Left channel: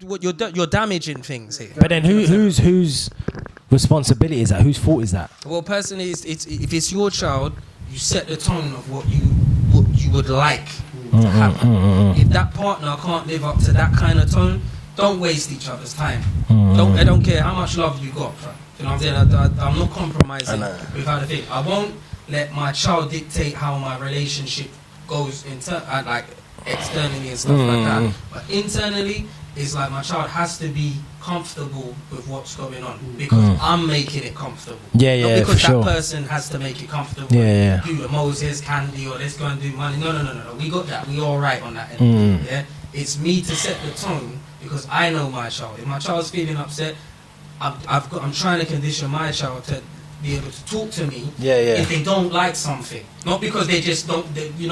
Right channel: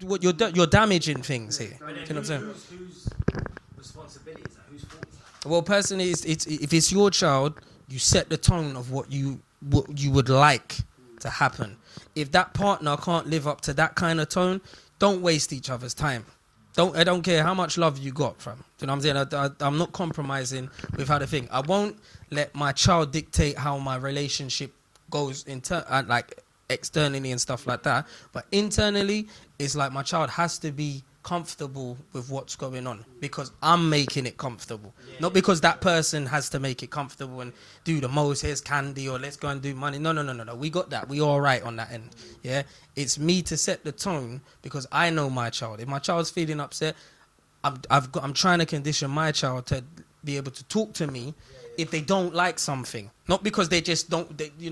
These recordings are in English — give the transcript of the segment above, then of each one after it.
you're damaging things here. But then whose responsibility is that? Whose fault is that? Well, personally, if it's your child, you set the tone of what you would like to happen. If that partner can't live up to that kind of tone, don't waste each other's time. I don't care how much love you got, fam. You know what I'm saying? I'm not compromising with how to think. I won't let my child dictate how my relationship goes externally and stuff like that. But internally, it's like my child has to be comfortable with what's going on because I'm making it comfortable. Not because that person has to make it comfortable and do the Moses candy or let's go and do money. No. We got that. We all right on that end. Yeah. It's me to set the tone because I know my child. If my child's feeling upset, I'm trying to condition my child to be able to talk to me if they don't like something. Not because they just don't, you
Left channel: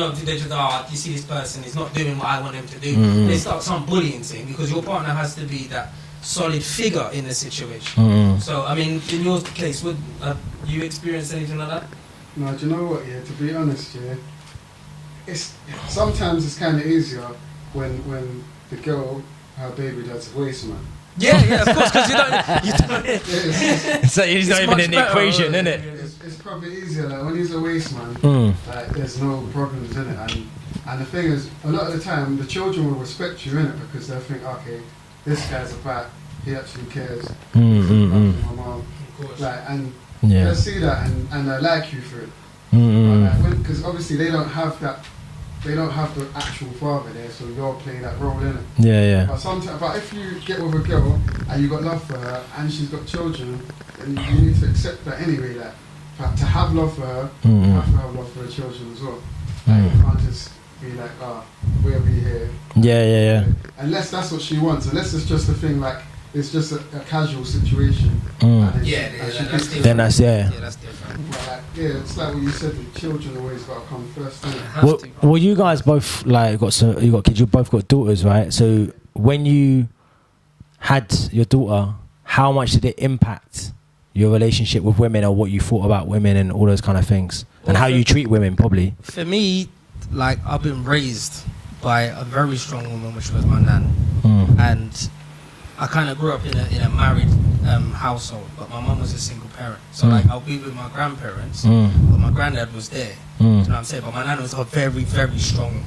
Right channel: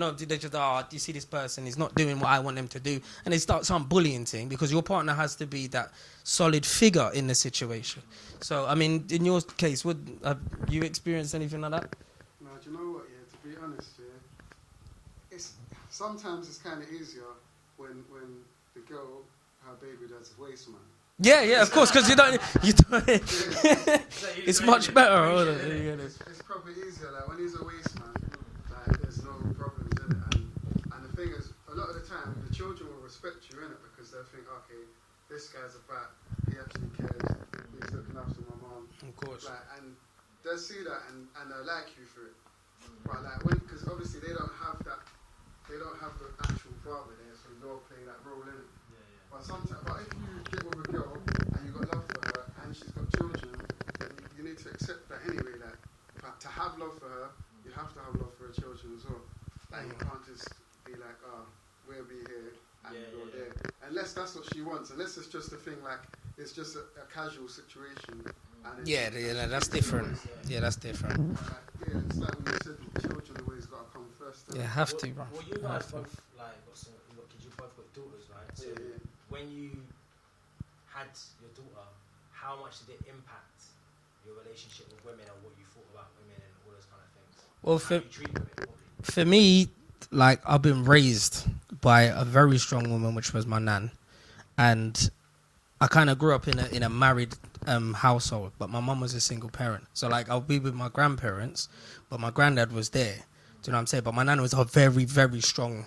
see this person is not doing what I want them to do. They start some bullying thing because your partner has to be that solid figure in the situation. So, I mean, in your case, would you experience anything like that? No, do you know what, to be honest, sometimes it's kind of easier when the girl, her baby dad's a waste man. Yeah, of course, because you don't So it's much better, isn't it? It's probably easier, like when he's a waste man, there's no problems in it. And the thing is, a lot of the time, the children will respect you in it because they'll think, okay, this guy's a bat, he actually cares. My mom. They'll see that and they like you for it. Because obviously they don't have the actual father there, so you're playing that role in it. But if you get with a girl and you got love for her and she's got children, then you need to accept that anyway. That to have love for her, you have to have love for the children as well. You can't just be like, we'll be here. Unless that's what she wants. Unless it's just a thing like it's just a casual situation. That's different. Then that's that's different. It's like what you said. The children always got to come first. Well, you guys both you got kids. You both got daughters, right? So when you had your daughter, how much did it impact your relationship with women, or what you thought about women, and all those kind of things, and how you treat women, probably? For me, like I've been raised by a very strong woman, which was my nan, and I kind of grew up in a married household, but my mum was a single parent. So like I'll be with my grandparents, but my granddad was there. Do you know what I'm saying? But my nan was a very, very strong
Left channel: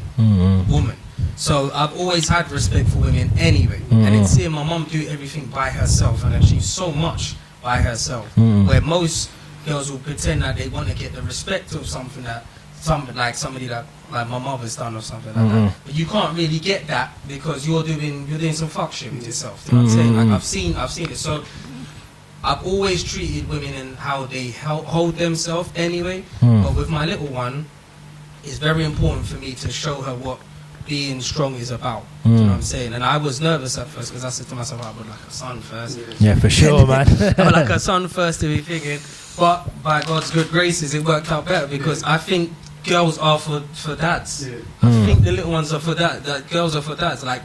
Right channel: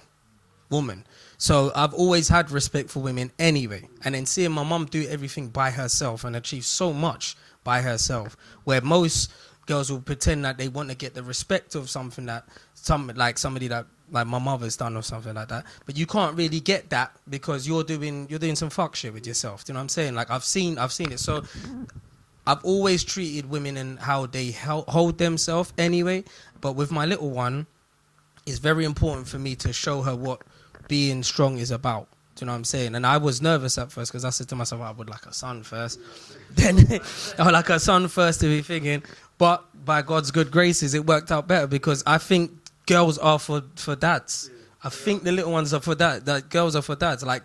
woman. So I've always had respect for women anyway. And in seeing my mum do everything by herself and achieve so much by herself, where most girls will pretend that they want to get the respect of something that somebody that like my mother's done or something like that, but you can't really get that because you're doing some fuck shit with yourself. Do you know what I'm saying? Like I've seen it. So I've always treated women and how they hold themselves anyway. But with my little one, it's very important for me to show her what being strong is about. Do you know what I'm saying? And I was nervous at first because I said to myself, I would like a son first. Yeah, for sure, man. I would like a son first to be thinking. But by God's good graces, it worked out better because I think girls are for dads. I think the little ones are for dads. Like girls are for dads. Like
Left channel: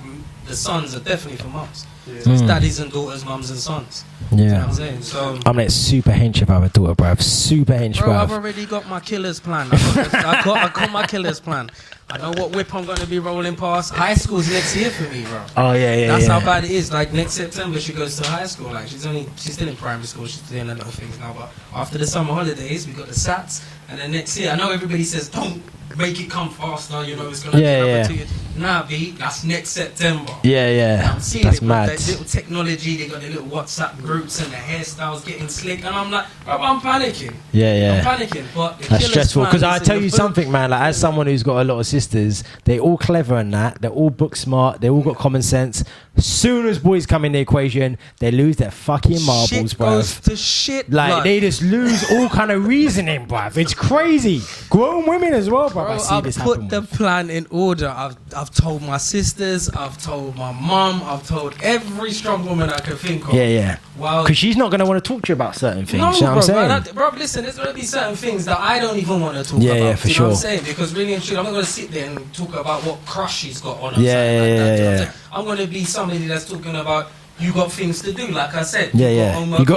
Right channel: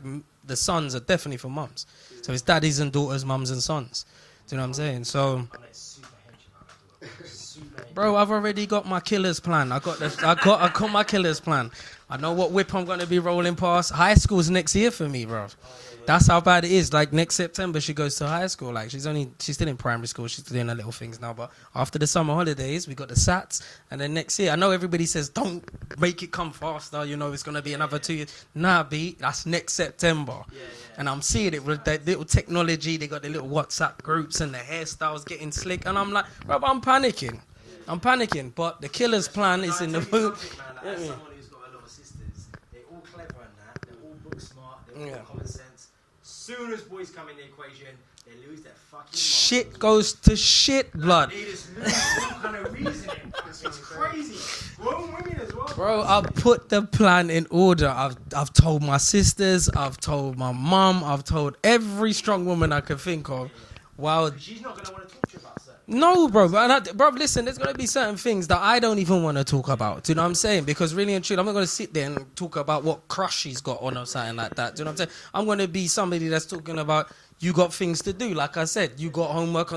the sons are definitely for mums. So it's daddies and daughters, mums and sons. Do you know what I'm saying? So I'm like super hench if I have a daughter, bruv. Super hench, bro. I've already got my killer's plan. I got my killer's plan. I know what whip I'm going to be rolling past. High school's next year for me, bro. Oh, yeah. That's how bad it is. Like, next September, she goes to high school. Like, she's still in primary school. She's doing her little things now. But after the summer holidays, we got the SATs. And then next year, I know everybody says, don't make it come faster. You know, it's going to be another 2 years. Nah, B, that's next September. Yeah. And I'm seeing it with that little technology. They got the little WhatsApp groups and the hairstyles getting slick. And I'm like, bro, I'm panicking. Yeah. I'm panicking. But the that's killer's plan because I tell you something, man. Like, as Yeah. someone who's got a lot of sisters, they all clever and that. They're all book smart. They all got common sense. As soon as boys come in the equation, they lose their fucking marbles, shit bro. goes to shit, like blood. they just lose all kind of reasoning, bruv. It's crazy. Grown women as well, bro. I've put the plan in order. I've told my sisters. I've told my mum. I've told every strong woman I could think of. Yeah. Well, because she's not gonna want to talk to you about certain things. No, you know bro. Listen, there's gonna be certain things that I don't even want to talk about. Yeah, for do you know sure. what I'm saying? Because really and truly, I'm not gonna sit there and talk about what crush she's got on or something like that. Do you know what I'm saying? I'm gonna be somebody that's talking about. You got things to do, like I said. You got homework.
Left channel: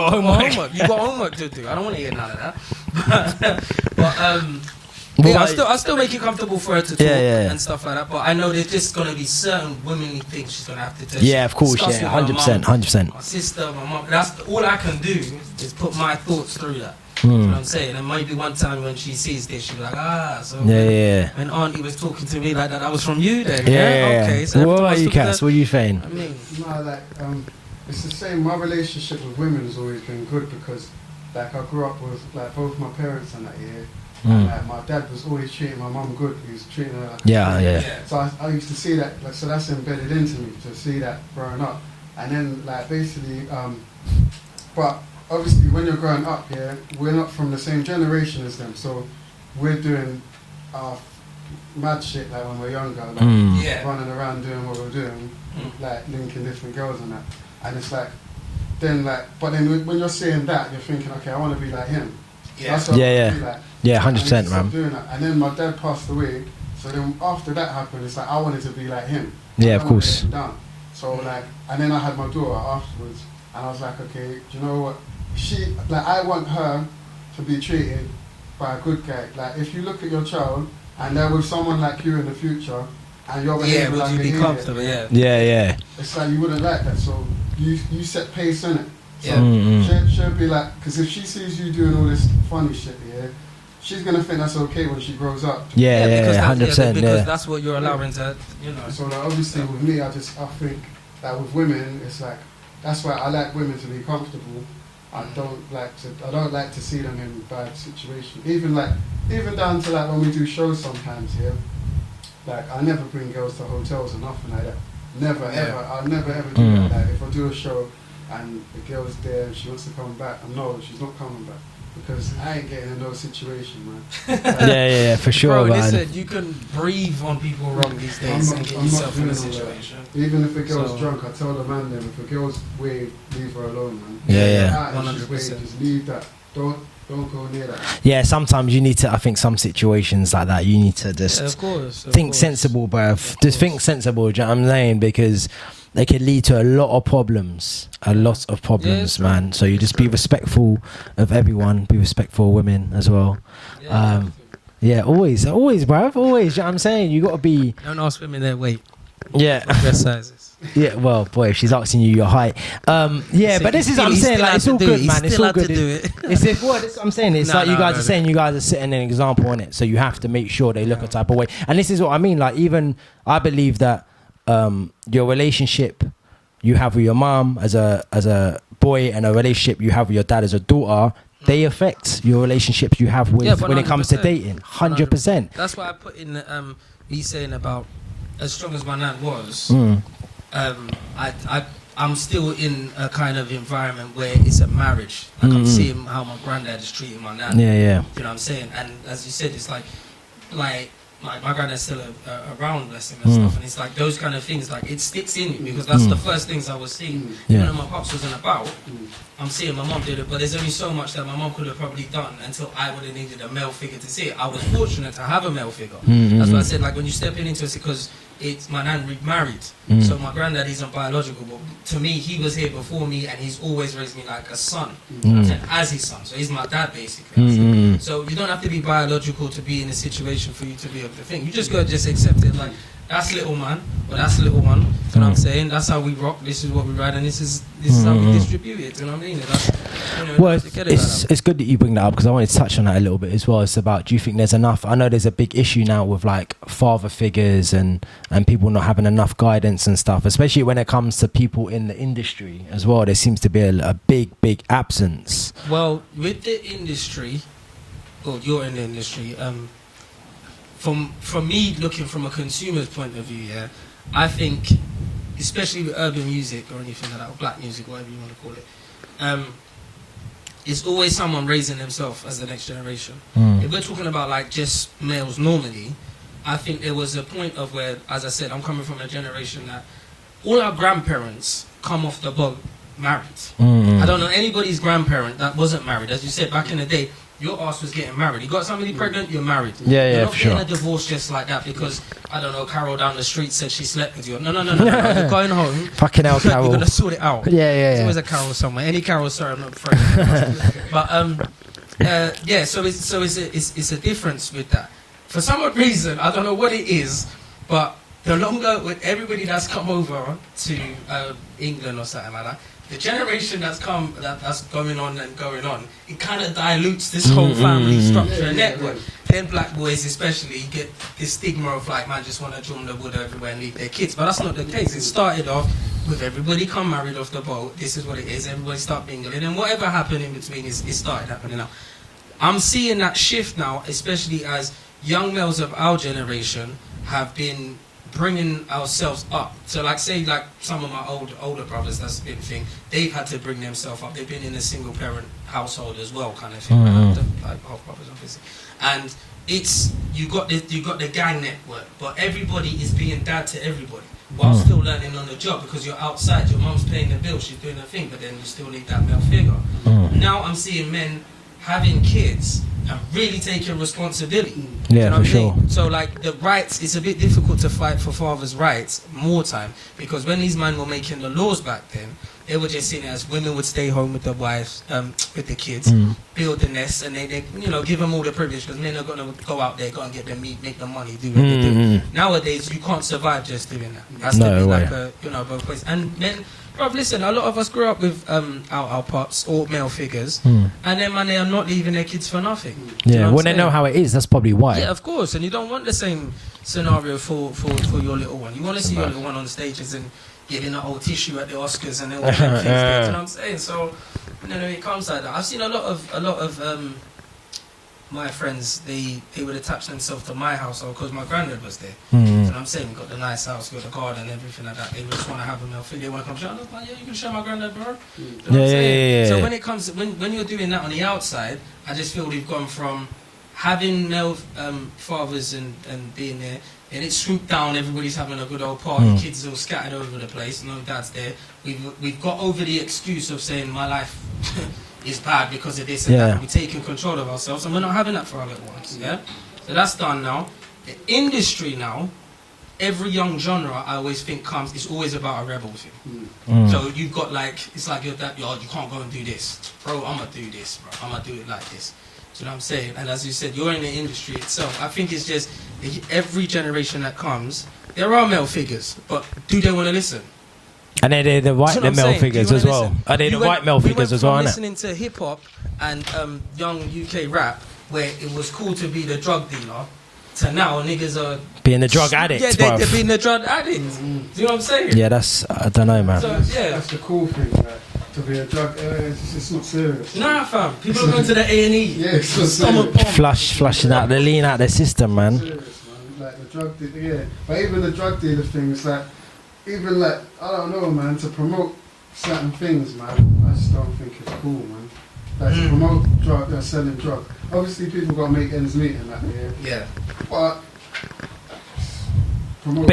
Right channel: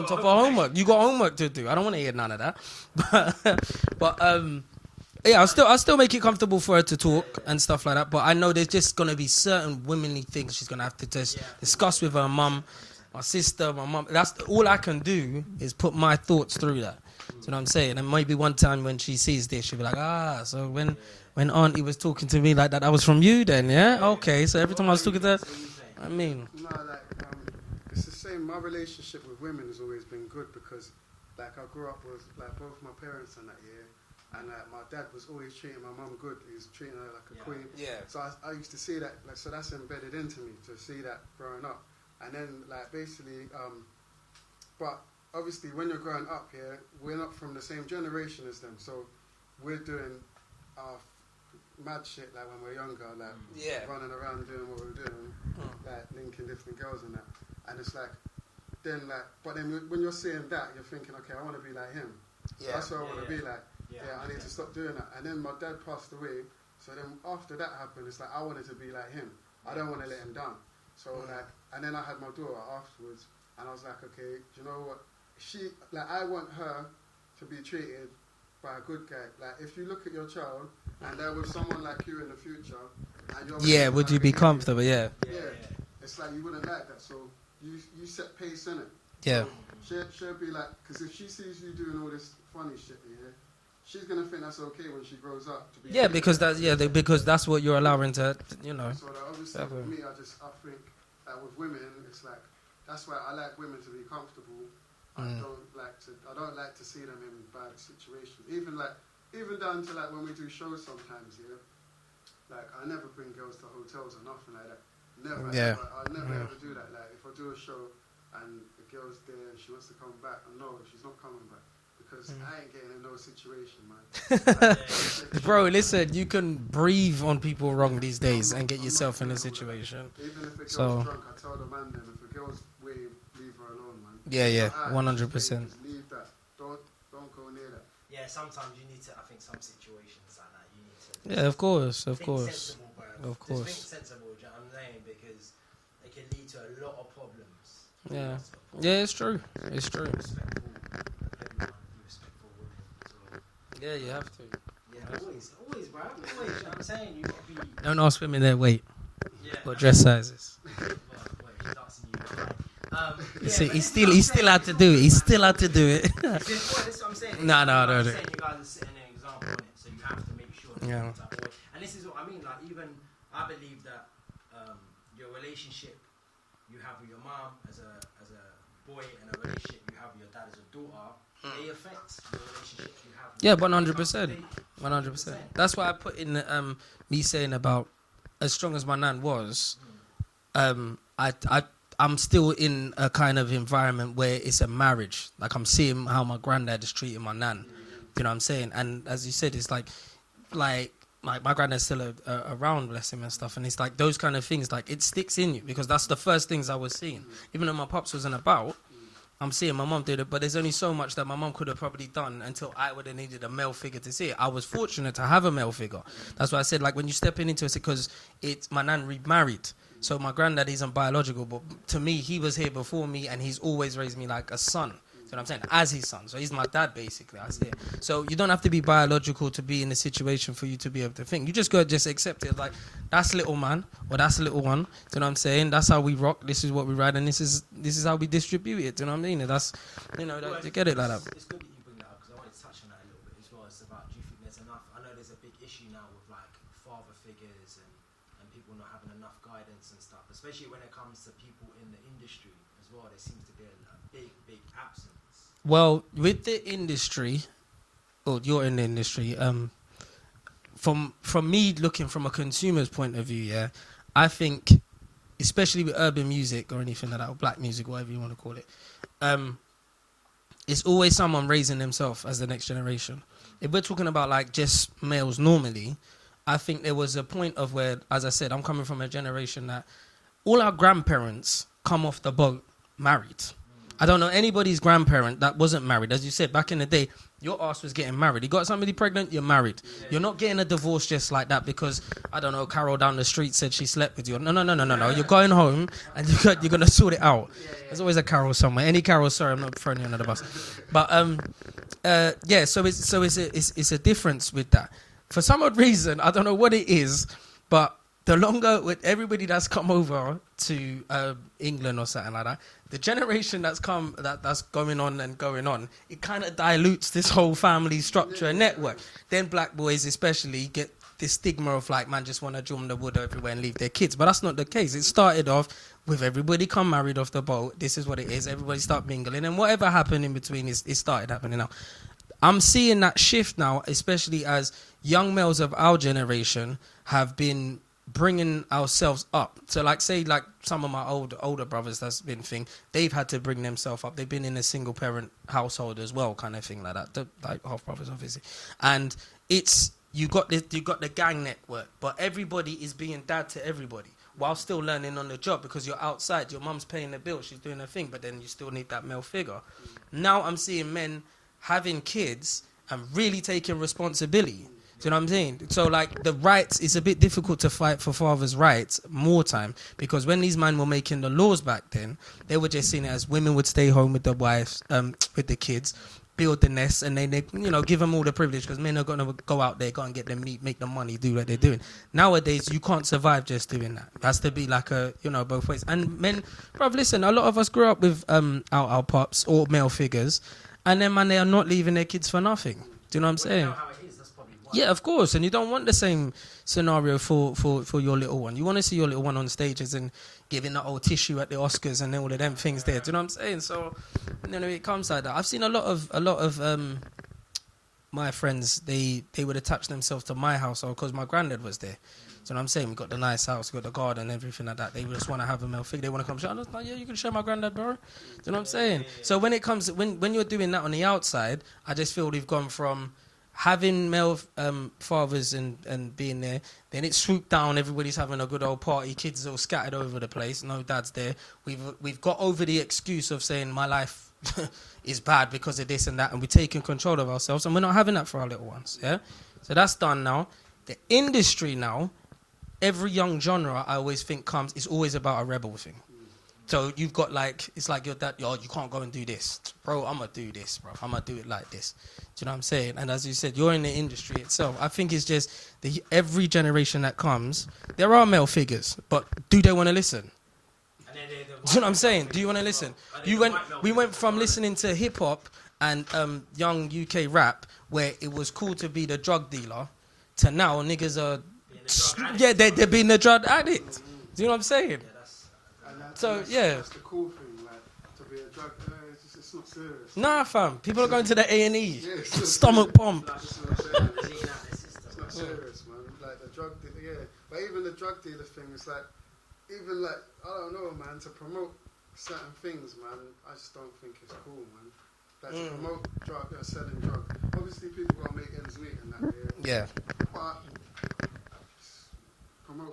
You got homework to do. I don't want to hear none of that. But Yeah, I'll still make it comfortable for her to talk Yeah. and stuff like that. But I know there's just gonna be certain womanly things she's gonna have to Of course, discuss with her 100%, mum, 100%. my sister, my mum. That's all I can do is put my thoughts through that. You know what I'm saying? And maybe one time when she sees this, she'll be like, when Auntie was talking to me like that was from you then, yeah? Okay, so every time I was talking to her, what are you saying? I mean, No, like, it's the same. My relationship with women has always been good because, like, I grew up with, like, both my parents and that, and like, my dad was always treating my mum good. He was treating her like a friend. So I used to see that, like, so that's embedded into me, to see that growing up. And then, like, basically, but obviously when you're growing up, we're not from the same generation as them, so we're doing mad shit, like, when we're younger, like, running around doing what we're doing, like, linking different girls and that. And it's like, then, like, but then when you're seeing that, you're thinking, okay, I want to be like him. That's what I want to be like. Yeah, 100%, man. Doing that. And then my dad passed away, so then after that happened, it's like I wanted to be like him. Yeah, of course. Down. So like, and then I had my daughter afterwards, and I was like, okay, do you know what? I want her to be treated by a good guy. Like, if you look at your child and there was someone like you in the future, and you're would like you be comfortable? Yeah. It's like you wouldn't like that. So you set pace in it. So Yeah. she'll be like, because if she sees you doing all this funny shit, she's gonna think that's okay when she grows up. Because that's what you're allowing to, you know. So like, obviously with me, I think that with women, it's like, that's why I like women to be comfortable. I don't like to see them in bad situations. Even down to like when we do shows sometimes, like I never bring girls to hotels or nothing like that. Never ever. I'll never ever do that. Like, if I do a show and the girl's there and she wants to come back, no, she's not coming back. Because I ain't getting in no situation, man. For sure. Bro, man. listen, you can breathe on people wrong these days and get yourself in a situation. Even if a girl's drunk, I tell the man then, if a girl's wave, leave her alone, man. 100%. Just leave that. Don't go near that. Yeah, sometimes you need to, I think some situations like that, you need to just of course, think sensible, bruv. Just think sensible, do you know what I'm saying? Because they can lead to a lot of problems. Man. So you just be respectful of everyone. Be respectful of women as well. Always, bruv. Always, you know what I'm saying? You got to be... Don't ask women their weight. Yeah. Dress sizes. Yeah, well, boy, if she's asking you your height. But this is what I'm He saying. still had to do it. He still had to do it. That's what I'm saying. It's like you guys are saying you guys are setting an example on it. So you have to make sure they look a type of way. And this is what I mean. Like, even I believe that your relationship you have with your mom as a boy and a relationship you have with your dad as a daughter, they affect your relationships you have with when it comes to dating. 100%. That's why I put in me saying about as strong as my nan was, I'm still in a kind of environment where it's a marriage. Like I'm seeing how my granddad is treating my nan. Yeah. You know what I'm saying? And as you said, it's like my granddad's still around, bless him, and stuff. And it's like those kind of things, like it sticks in you because that's the first things I was seeing. Even though my pops wasn't about, I'm seeing my mum did it, but there's only so much that my mum could have probably done until I would have needed a male figure to see it. I was fortunate to have a male figure. That's why I said, like, when you step into it, because it's my nan remarried. So my granddad isn't biological, but to me, he was here before me, and he's always raised me like a son. You know what I'm saying? As his son. So he's my dad, basically. So you don't have to be biological to be in a situation for you to be able to think. You just got to just accept it, like, that's little man, or that's little one. You know what I'm saying? That's how we rock. This is what we ride, and this is how we distribute it. You know what I mean? That's, it's good that you bring that up because I wanted to touch on that a little bit as well. It's about, do you think there's enough? I know there's a big issue now with like father figures and people not having enough guidance and stuff, especially when it comes to people in the industry as well. There seems to be a big absence. Well, with the industry, you're in the industry. From me looking from a consumer's point of view, I think, especially with urban music or anything like that, or black music, whatever you want to call it, it's always someone raising themselves as the next generation. If we're talking about like just males normally, I think there was a point of where, as I said, I'm coming from a generation that all our grandparents come off the boat married. I don't know anybody's grandparent that wasn't married. As you said, back in the day, your ass was getting married. You got somebody pregnant, you're married. You're not getting a divorce just like that because, I don't know, Carol down the street said she slept with you. No. You're going home. Fucking hell, Carol. You're going to sort it out. There's always a Carol somewhere. Any Carol, sorry, I'm not throwing it under the bus. But, so it's a difference with that. for some odd reason, I don't know what it is, but the longer with everybody that's come over to England or something like that, the generation that's going on, it kind of dilutes this whole family structure and network. Then black boys especially get this stigma of like, man, just want to drum the wood everywhere and leave their kids. But that's not the case. It started off with everybody come married off the boat. This is what it is. Everybody start mingling. And whatever happened in between, it started happening now. I'm seeing that shift now, especially as young males of our generation have been bringing ourselves up. So like say like some of my older brothers, that's been thing, they've had to bring themselves up. They've been in a single parent household as well, kind of thing. Like half brothers obviously. And it's you got the gang network, but everybody is being dad to everybody while still learning on the job, because you're outside, your mum's paying the bill, she's doing her thing, but then you still need that male figure. Now I'm seeing men having kids and really taking responsibility. Do you know what I'm saying? So like the rights, it's a bit difficult to fight for fathers' rights more time, because when these men were making the laws back then, they were just seeing it as women would stay home with the wives, with the kids, build the nest, and they give them all the privilege, because men are going to go out there, go and get the meat, make the money, do what they do. Nowadays, you can't survive just doing that. It has to be like both ways. And men, bruv, listen, a lot of us grew up with our pops or male figures, and then man, they are not leaving their kids for nothing. Do you know what I'm saying? They know how it is, that's probably why. Yeah, of course, and you don't want the same scenario for your little one. You want to see your little one on stages and giving the old tissue at the Oscars and all them things there. Do you know what I'm saying? So, it comes like that. I've seen a lot of my friends, they would attach themselves to my household because my granddad was there. So you know what I'm saying? We got the nice house, we got the garden, everything like that. They just want to have a male figure. They want to come show. I'm like, yeah, you can show my granddad, bro. Do you know what I'm saying? Yeah. So when it comes, when you're doing that on the outside, I just feel we've gone from having male fathers and being there, and it's swooped down, everybody's having a good old party, kids are all scattered over the place, no dad's there. We've got over the excuse of saying my life is bad because of this and that, and we're taking control of ourselves, and we're not having that for our little ones. So that's done now. The industry now, every young genre I always think is always about a rebel thing. So you've got like, it's like your dad, you can't go and do this. Bro, I'm going to do this, bro. I'm going to do it like this. Do you know what I'm saying? And as you said, you're in the industry itself. I think it's just every generation that comes, there are male figures, but do they want to listen? And they're the white male figures as well. Are they the white male figures as well? We went from listening to hip hop and young UK rap, where it was cool to be the drug dealer, to now niggas are being the drug addict. Yeah, they're being the drug addict. Do you know what I'm saying? Yeah, I don't know, man. So that's the cool thing, like, to be a drug, it's not serious. Nah, fam. People are going to the A&E. Yeah, it's so stomach pump. Flushing out the lean out the system, man. Serious, man. Like the drug dealer, But even the drug dealer thing, it's like, even like, I don't know, man, to promote certain things, man, I just don't think it's cool, man. Like to promote drug, selling drugs. Obviously, people got to make ends meet and that, Yeah. But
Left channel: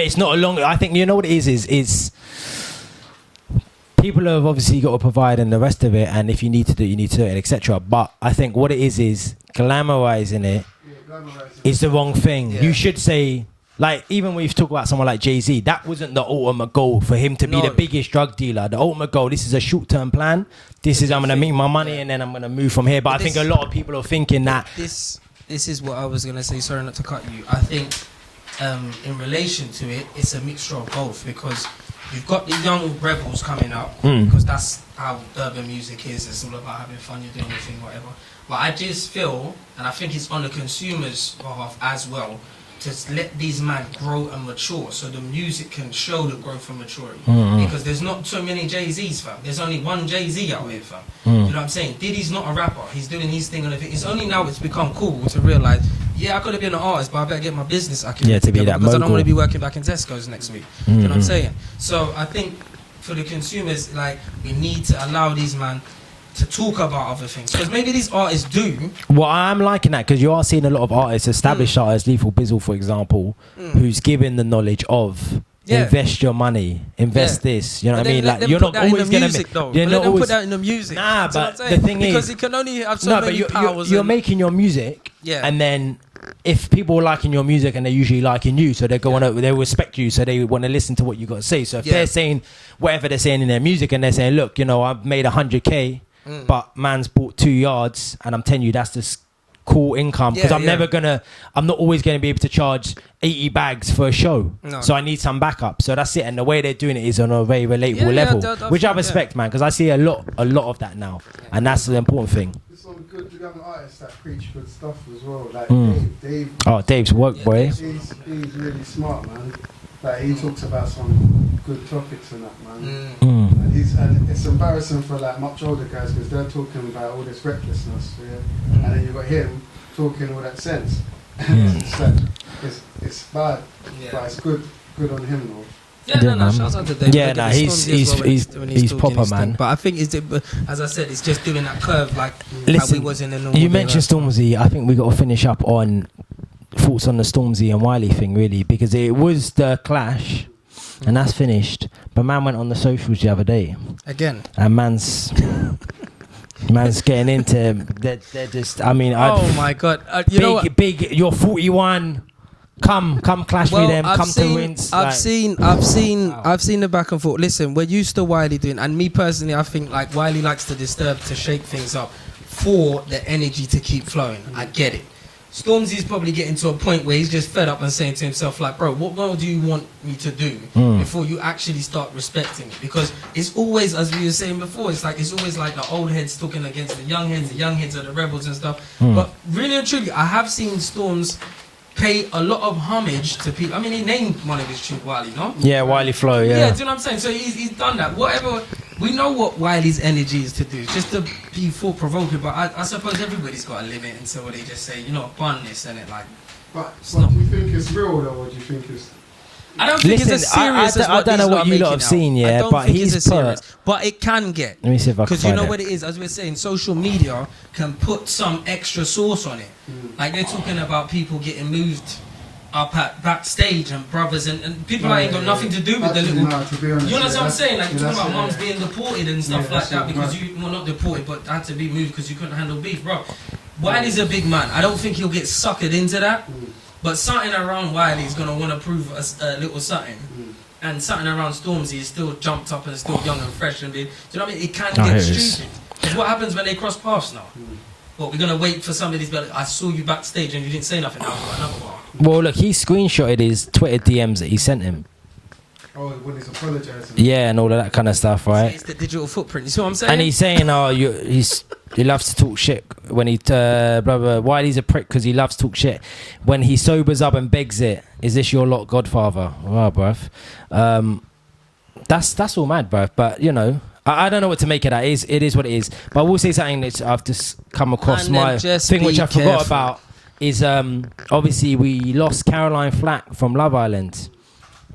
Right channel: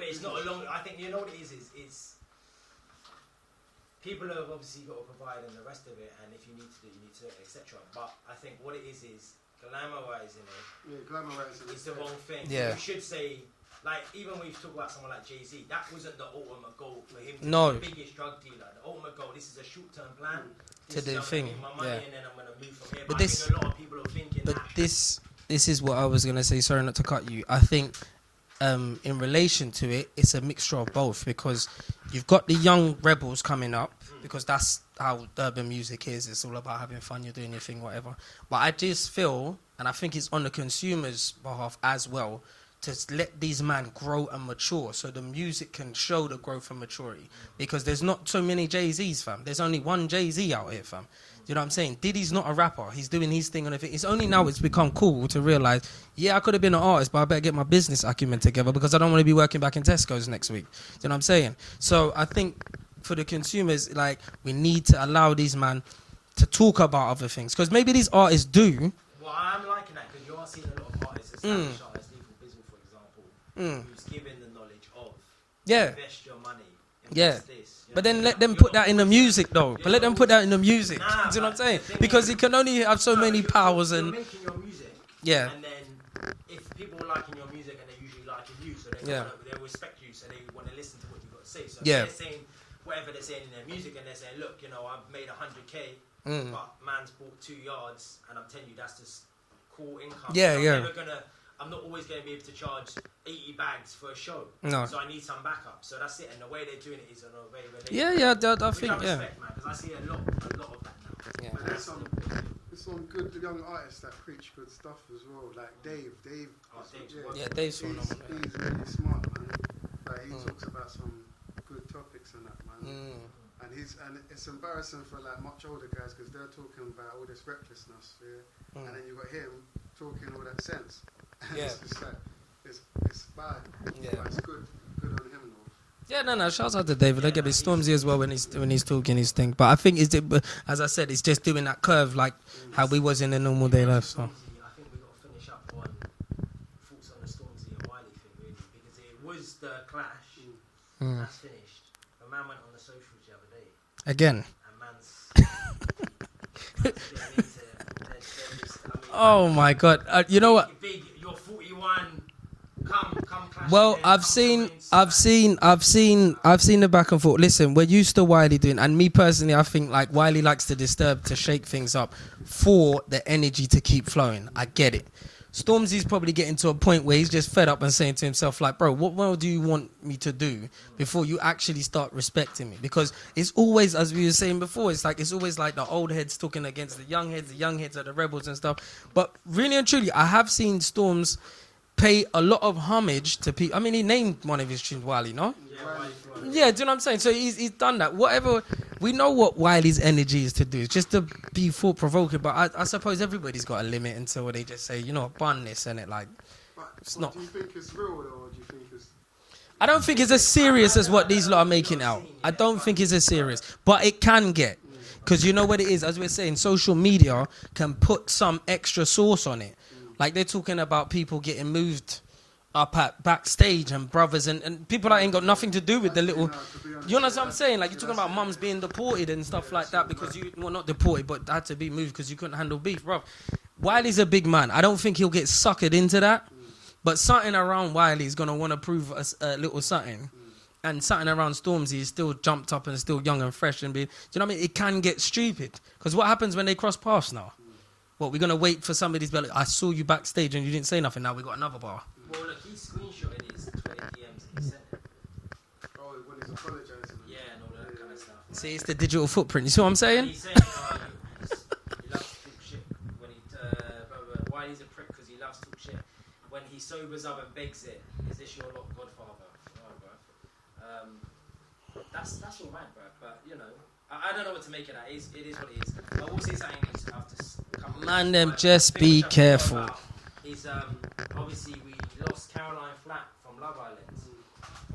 it's not a long. I think you know what it is. It's people have obviously got to provide and the rest of it, and if you need to do it, you need to do it, etc. But I think what it is glamorizing it is the wrong thing. Yeah. You should say, like, even when you talk about someone like Jay-Z, that wasn't the ultimate goal for him to be the biggest drug dealer. The ultimate goal, this is a short-term plan. This is, I'm going to make my money and then I'm going to move from here. But I think a lot of people are thinking that. This is what I was going to say. Sorry not to cut you. I think in relation to it, it's a mixture of both, because you've got the young rebels coming up, because that's how urban music is. It's all about having fun, you're doing your thing, whatever. But I just feel, and I think it's on the consumer's behalf as well, to let these men grow and mature, so the music can show the growth and maturity. Because there's not so many Jay-Z's, fam. There's only one Jay-Z out here, fam. You know what I'm saying? Diddy's not a rapper. He's doing his thing on everything. It's only now it's become cool to realise, I could have been an artist, but I better get my business acumen together, because I don't want to be working back in Tesco's next week. You know what I'm saying? So I think for the consumers, like, we need to allow these men to talk about other things, because maybe these artists do. Well, I'm liking that, because you are seeing a lot of artists, established artists, Lethal Bizzle, for example, who's given the knowledge of invest your money, invest this. You know but what I then mean? let them put that in the music, though. But let them put that in the music. Nah, but what I'm saying? Because it can only have so many powers. You're making your music, and then if people are liking your music and they're usually liking you, so they they respect you, so they want to listen to what you got to say. So if they're saying whatever they're saying in their music, and they're saying, look, I've made 100K. But man's bought 2 yards, and I'm telling you, that's the cool income because Yeah, I'm not always gonna be able to charge 80 bags for a show. No. So I need some backup. So that's it. And the way they're doing it is on a very relatable level, which I respect, man, because I see a lot of that now, and that's the important thing. There's some good young artists that preach good stuff as well. Like Dave. Oh, Dave's work, boy. He's really smart, man. Like he talks about some good topics and that, man. And it's embarrassing for like much older guys because they're talking about all this recklessness, and then you got him talking all that sense. It's like, it's bad, but it's good on him though. Yeah, no, shout out to David. Yeah, Look at the Stormzy as well when he's talking proper, his thing. man. But I think as I said, it's just doing that curve like how we was in the normal. You day mentioned last time. Stormzy. I think we got to finish up on thoughts on the Stormzy and Wiley thing, really, because it was the clash, and that's finished. But man went on the socials the other day Again. and man's getting into. They're just. I mean, Oh my God! You know what? Big. You're 41. Come clash with them. I've seen the back and forth. Listen, we're used to Wiley doing, and me personally, I think like Wiley likes to disturb, to shake things up, for the energy to keep flowing. I get it. Stormzy's probably getting to a point where he's just fed up and saying to himself, like, bro, what more do you want me to do before you actually start respecting me? Because it's always, as we were saying before, it's always like the old heads talking against the young heads are the rebels and stuff. But really and truly, I have seen Storms pay a lot of homage to people. I mean, he named one of his tunes Wiley, no? Yeah, Wiley Flow, yeah. Yeah, do you know what I'm saying? So he's done that. Whatever, we know what Wiley's energy is to do. It's just to be thought-provoking, but I suppose everybody's got a limit until they just say, you know, bun this and it, like... But not. do you think it's real though, or do you think it's... I don't think it's as serious as what these lot are making out. I don't think it's as serious. But it can get. Let me see if I can because you find know it. what it is, as we're saying, social media can put some extra sauce on it. Like they're talking about people getting moved up at backstage and brothers and people that ain't got nothing to do with the little... You know what I'm saying? Like you're talking about mums being deported and stuff like that because you... Well, not deported, but had to be moved because you couldn't handle beef, bro. Wiley's a big man. I don't think he'll get suckered into that. But something around Wiley is going to want to prove a little something. And something around Stormzy is still jumped up and still young and fresh. And do you know what I mean? It can get stupid. Because what happens when they cross paths now? What, we're going to wait for somebody to be like, I saw you backstage and you didn't say nothing. Now we've got another bar. Well, look, he screenshotted his Twitter DMs that he sent him. Oh, when he's apologising. Yeah, and all of that kind of stuff, right? See, it's the digital footprint. You see what I'm saying? And he's saying, he loves to talk shit when he, blah, blah. Wiley's a prick because he loves to talk shit. When he sobers up and begs it, is this your lot, Godfather? Wow, bruv. That's all mad, bruv. But, you know, I don't know what to make of that. It is what it is. But I will say something that I've just come across. And just thing be which I careful. forgot about is obviously we lost Caroline Flack from Love Island.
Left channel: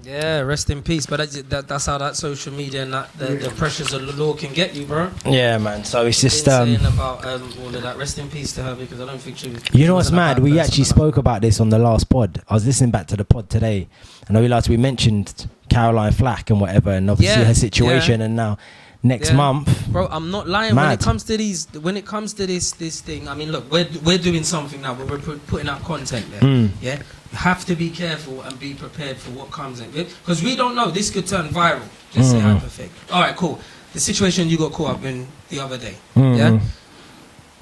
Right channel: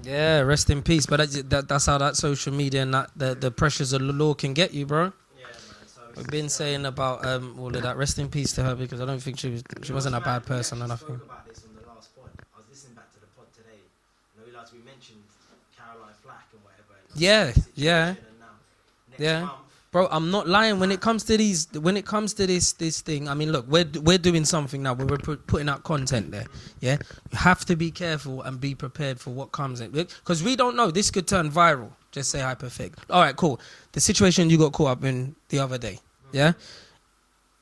Yeah, rest in peace. But that's how that social media and that the pressures of the law can get you, bro. Yeah, man. So it's just been saying about all of that. Rest in peace to her because I don't think she was. You know what's mad? We actually spoke about this on the last pod. I was listening back to the pod today, and I realised we mentioned Caroline Flack and whatever, and obviously her situation, and now next month, bro. I'm not lying. When it comes to this thing, I mean, look, we're doing something now. We're putting out content there. Yeah, you have to be careful and be prepared for what comes in because we don't know. This could turn viral. Just say hyperfake. All right, cool. The situation you got caught up in the other day. Yeah.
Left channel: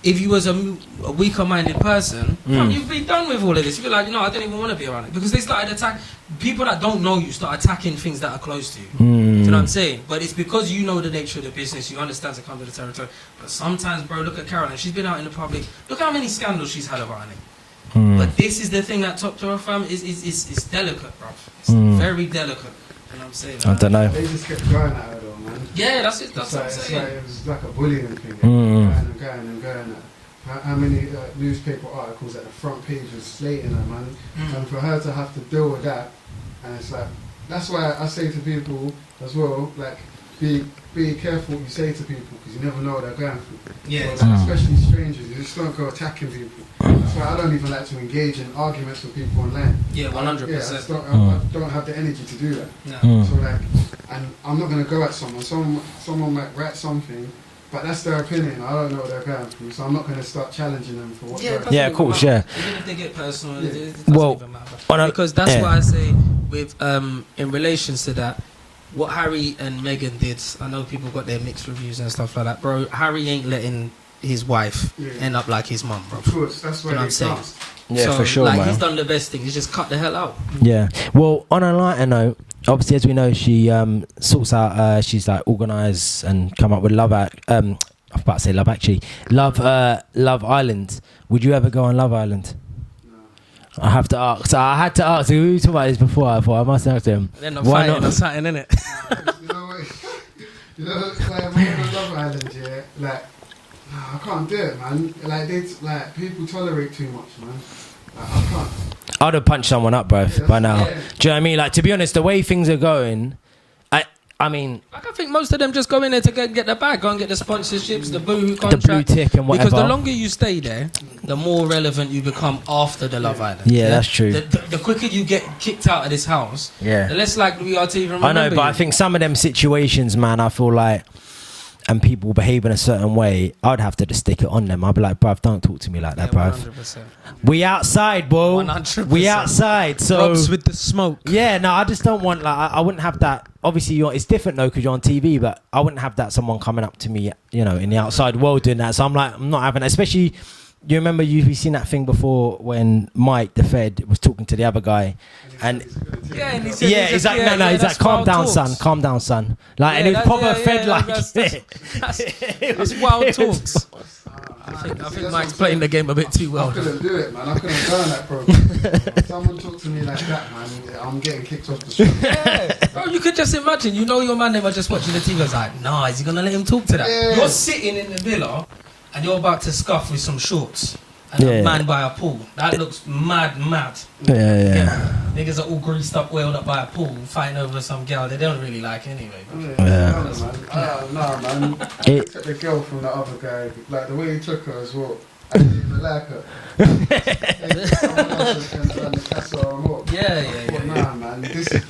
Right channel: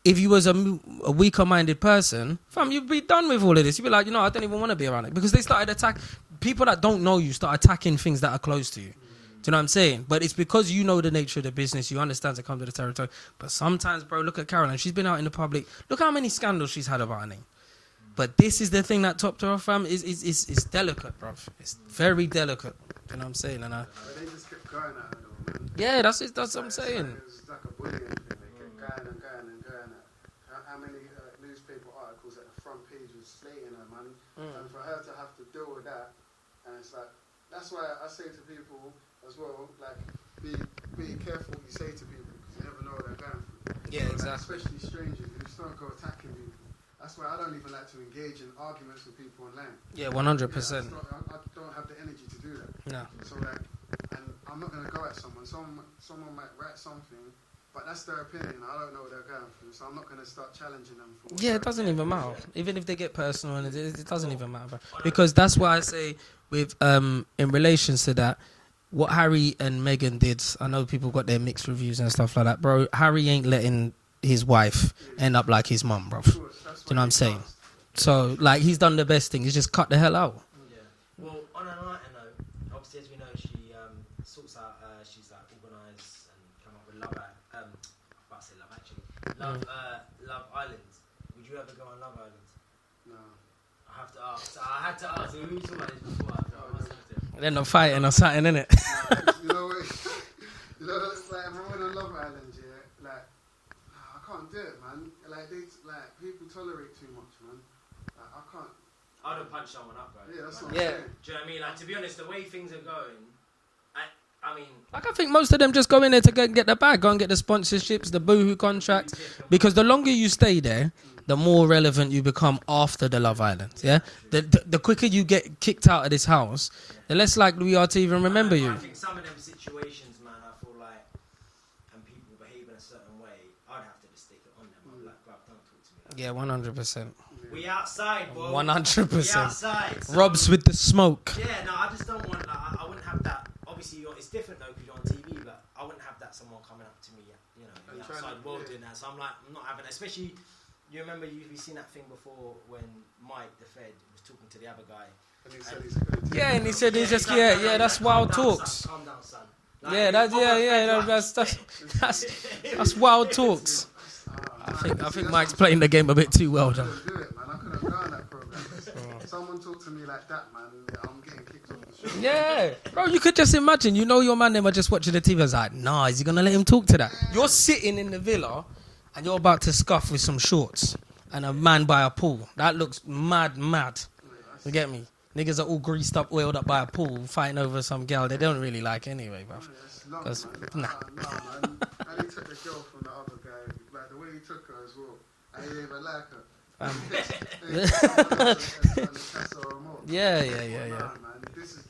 If you was a weaker-minded person, you'd be done with all of this. You'd be like, you know, I don't even want to be around it because they started attacking people that don't know you. Start attacking things that are close to you. Do you know what I'm saying? But it's because you know the nature of the business. You understand to come to the territory. But sometimes, bro, look at Caroline. She's been out in the public. Look how many scandals she's had about her name. But this is the thing that topped her off, fam. It's delicate, bro. It's very delicate. You know what I'm saying? I don't know. They just kept going at her though, man. Yeah, that's what I'm saying. It was like a bullying thing. Going. How many newspaper articles at the front page was slating her, man? And for her to have to deal with that, and it's like, that's why I say to people as well, like, be careful what you say to people because you never know what they're going through. Yeah, so, like, especially strangers, you just don't go attacking people. That's why I don't even like to engage in arguments with people online. Yeah, 100%. I don't have the energy to do that. No. So like, and I'm not gonna go at someone. Someone might write something, but that's their opinion. I don't know what they're going through, so I'm not gonna start challenging them for what. Yeah, of course, matter. Even if they get personal, it doesn't even matter. Because that's why I say, with in relations to that, what Harry and Meghan did. I know people got their mixed reviews and stuff like that, bro. Harry ain't letting his wife end up like his mum, bro. Of course, that's You know what I'm saying? Yeah, So for sure, like man. he's done the best thing. He's just cut the hell out. Yeah. Well, on a lighter note, obviously, as we know, she sorts out. She's like organised and come up with Love I'm about to say Love Actually. Love Island. Would you ever go on Love Island? No. I have to ask. So I had to ask. We were talking about this before. I thought I must ask him. They're not Why fighting not? or something, innit? You know what? You know, it's like when you're on Love Island, yeah, like, I can't do it, man. Like people tolerate too much, man. Like, I can't. I'd have punched someone up, bro, by now. Yeah. Do you know what I mean? Like, to be honest, the way things are going, I mean, Like I think most of them just go in there to get the bag, go and get the sponsorships, the boohoo contract. the blue tick and whatever. Because the longer you stay there, the more relevant you become after the Love Island. Yeah, that's true. The quicker you get kicked out of this house, Yeah. the less likely we are to even I remember know, but you. I think some of them situations, man, I feel like, and people behave in a certain way, I'd have to just stick it on them. I'd be like, bruv, don't talk to me like that, bruv. 100%. We outside, bro. 100%. We outside. So Robs with the smoke. yeah, no, I just don't want, like, I wouldn't have that. Obviously, it's different though because you're on TV, but I wouldn't have that someone coming up to me, you know, in the outside world doing that. So I'm like, I'm not having it. Especially, you remember you've seen that thing before when Mike, the Fed, was talking to the other guy. And Yeah, and he said yeah, he's just, exactly. yeah, No, he's that's like, calm wild down, talks. son. Calm down, son. Like, Yeah, and that's- it's proper yeah, Fed yeah, like. that's wild talks. I think Mike's playing the game a bit too well. I couldn't do it, man. I couldn't go on that program. Someone talk to me like that, man. I'm getting kicked off the show. Yeah, bro, you could just imagine, you know your man, they were just watching the TV. I was like, nah, is he going to let him talk to that? Yeah. You're sitting in the villa and you're about to scuff with some shorts and Yeah. a man by a pool. That looks mad. Yeah. Yeah. Niggas are all greased up, oiled up by a pool, fighting over some girl they don't really like anyway. Bro. Yeah. Nah, man. I took the girl from the other guy. Like the way he took her as well. I didn't even like her. Yeah. Nah, man. This is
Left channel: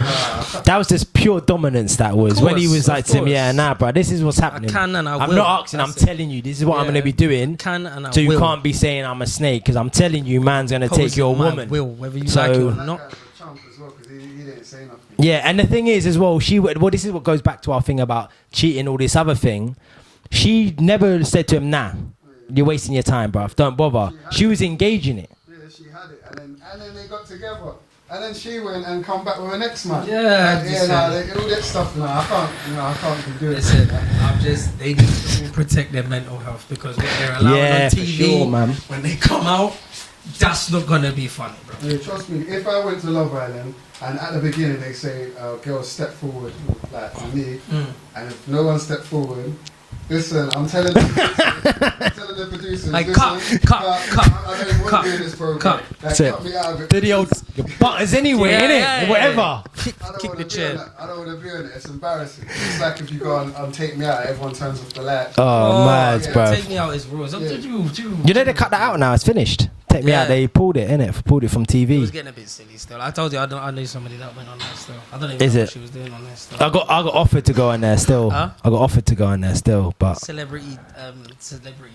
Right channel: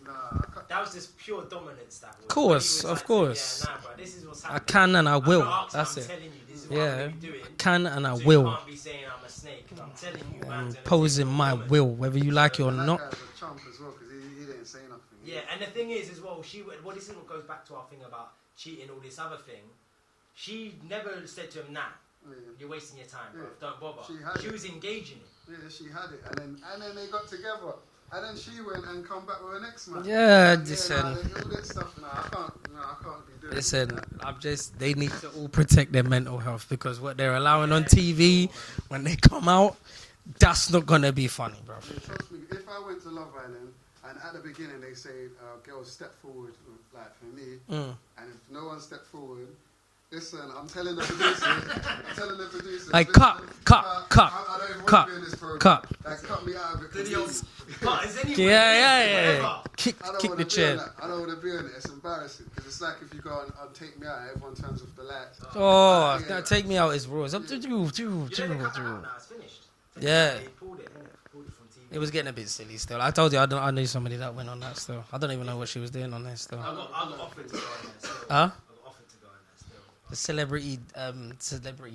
That was just pure dominance. That was when he was Of like to me, course. yeah, nah, bro, this is what's I happening. can and I I'm will. not asking. That's I'm it. telling you, this is what I'm Yeah. going to be doing. Can and I So you will. can't be saying I'm a snake because I'm telling you, man's going to take Posing your my woman. will, whether you So- like it or that not. guy's a chump as well because he didn't say nothing. Yeah, and the thing is as well, well, this is what goes back to our thing about cheating, all this other thing. She never said to him, nah, you're wasting your time, bruv. Don't bother. She was engaging it. Yeah, she had it, and then they got together, and then she went and come back with her next man. Yeah, Like, just all that stuff. No, I can't be doing Listen, it. they need to all protect their mental health because what they're allowing Yeah, on for TV, sure, man. when they come out, that's not gonna be funny, bro. Yeah, trust me, if I went to Love Island and at the beginning they say, girls step forward, like to me, and if no one stepped forward, listen, I'm telling the producers, Like, listen, cut, I don't want cut, to be in this program. cut. Like, That's it. cut me out of it. Video buttons anyway, Yeah, innit? yeah, yeah. Whatever. Kick I don't the want to be chair. on that. I don't want to be on it. It's embarrassing. It's like if you go on Take Me Out, everyone turns off the light. Oh, mad, yeah. bro. Take me out is rules. Yeah. You know they cut that out now. It's finished. Take me Yeah. out. They pulled it, innit? Pulled it from It was TV. getting a bit silly still. I told you I knew somebody that went on that still. I don't even Is know it? what she was doing on there still. I got offered to go in there still. Huh? I got offered to go in there still, but Celebrity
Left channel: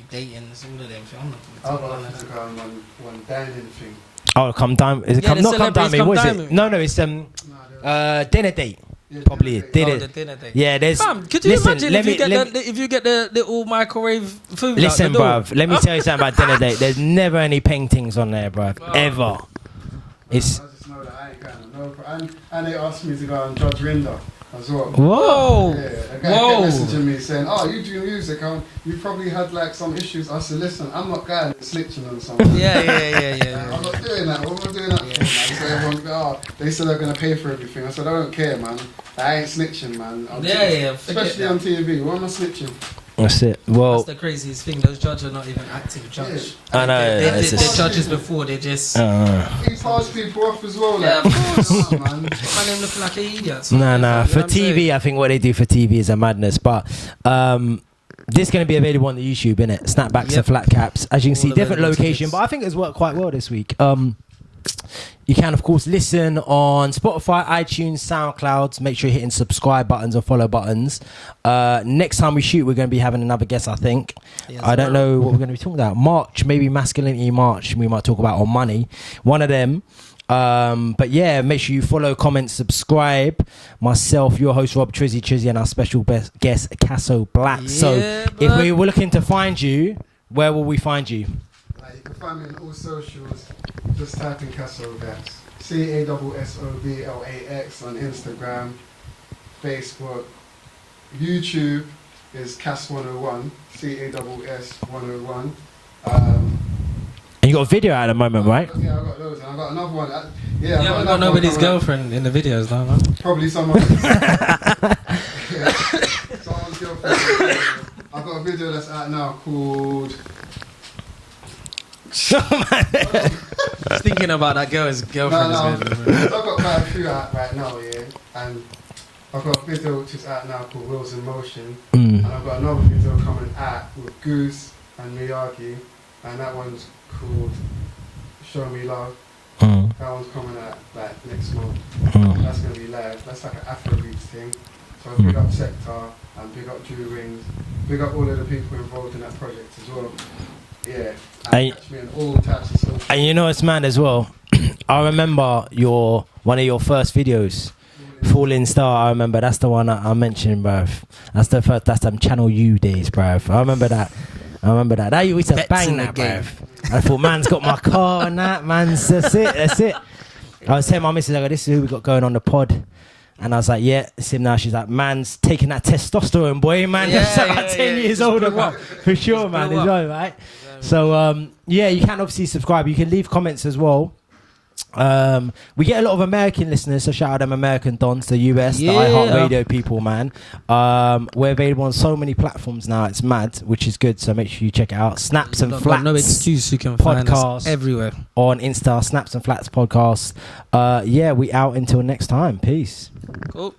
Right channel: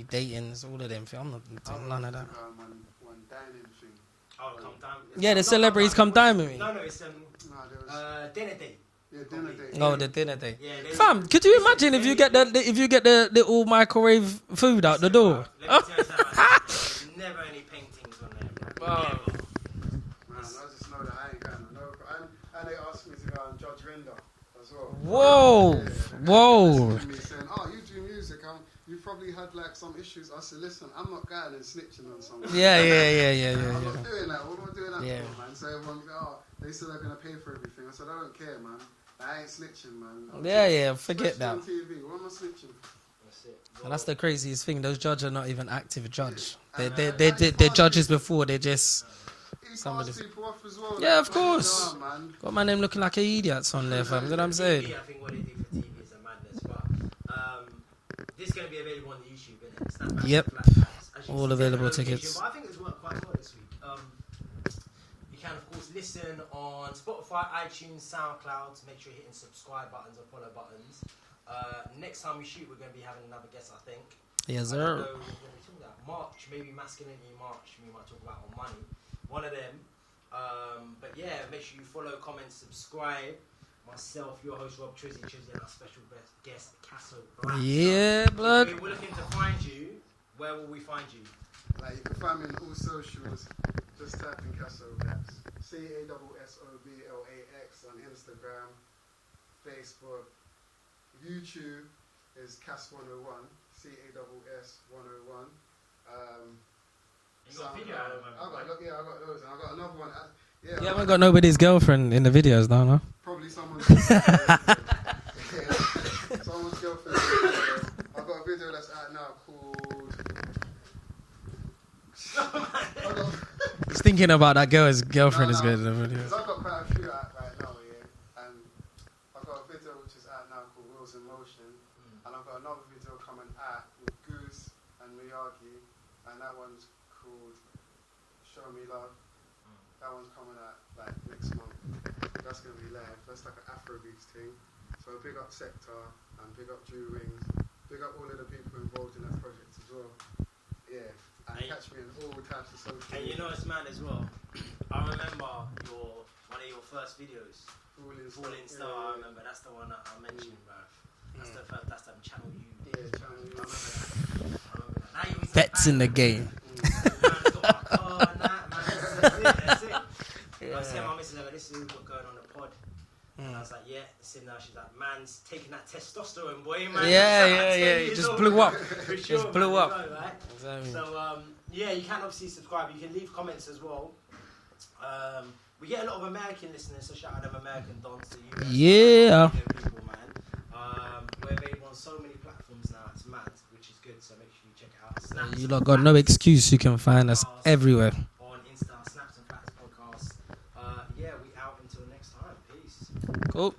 dating, all of them. I'm not I'll doing none have of to that. go on one dining thing. oh, come down. Is it Yeah, come, the not celebrities come come what dine is with it? me. No, it's dinner date. Yeah, Probably dinner date. dinner. Oh, the dinner date. Yeah, there's. Fam, could you Listen, imagine let if you me- get let the if you get the little microwave food out Listen, the door? bruv, let me tell you something about dinner date. There's never any paintings on there, bruv. Oh. Ever. It's I just know that I ain't going no, and they asked me to go on Judge Rinder as well. Whoa, Yeah, a guy whoa. kept messaging me saying, "Oh, you do music? You probably had like some issues." I said, "Listen, I'm not going and snitching on someone. Yeah. I'm not doing that. What am I doing that Yeah. for, man?" So everyone go, "Oh, they said they're gonna pay for everything." I said, "I don't care, man. I ain't snitching, man. Yeah, forget Especially that. on TV. What am I snitching?" That's it. Well, That's the craziest thing. Those judges are not even active judges. I know, They're it's just- judges before. They're just. He passed people off as well. Yeah, like, of course. nah, man. Got my name looking like an idiot. so no. you know For what I'm saying? TV, I think what they do for TV is a madness. But this is going to be available on the YouTube, innit? Snapbacks Yep. and flat caps. As you can All see, different available location. tickets. But I think it's worked quite well this week. You can, of course, listen on Spotify, iTunes, SoundCloud. Make sure you're hitting subscribe buttons or follow buttons. Next time we shoot, we're going to be having another guest, I think. Yes, I don't sir. know what we're going to be talking about. March, maybe Masculinity March. We might talk about, or money. One of them. But yeah, make sure you follow, comment, subscribe. Myself, your host, Rob Trizzy, and our special guest, Casso Blax. Yeah, so if bud. we were looking to find you, where will we find you? Like, you can find me on all socials. Just type in Casso Blax. CASSOBLAX on Instagram, Facebook, YouTube is Cass101, CASS101. And you got a video out at the moment, right? Yeah, I got those, and I got another one. You haven't got nobody's girlfriend in the videos, though, no? Probably someone. Someone's girlfriend. I've got a video that's out now called. Just thinking about that girl's girlfriend is good. I've got quite a few out right now, yeah, and I've got a video which is out now called Wheels in Motion, and I've got another video coming out with Goose and Miyagi, and that one's called Show Me Love. That one's coming out like next month. That's gonna be live. That's like an Afrobeats thing. So big up Sector and big up Drew Rings. Big up all of the people involved in that project as well. Yeah. And catch me on all types of social. And you know it's mad as well. I remember one of your first videos, Falling Star. I remember that's the one I mentioned, bruv. That's them Channel U days, bruv. I remember that. That used to bang in the that, game. bruv. I thought, man's got my car and that, man's that's it. I was telling my missus, I go, this is who we got going on the pod. And I was like, yeah, it's him now. She's like, man's taking that testosterone, boy, man. Yeah, That's like 10 years old. For sure, Just man. blew up. Enjoy, right? So, yeah, you can obviously subscribe. You can leave comments as well. We get a lot of American listeners, so shout out them American dons, the US, the iHeartRadio people, man. We're available on so many platforms now, it's mad, which is good, so make sure you check it out. Snaps and Flats. Got no excuse, you can find us everywhere. On Insta, Snaps and Flats Podcast. Yeah, we out until next time. Peace. Cool.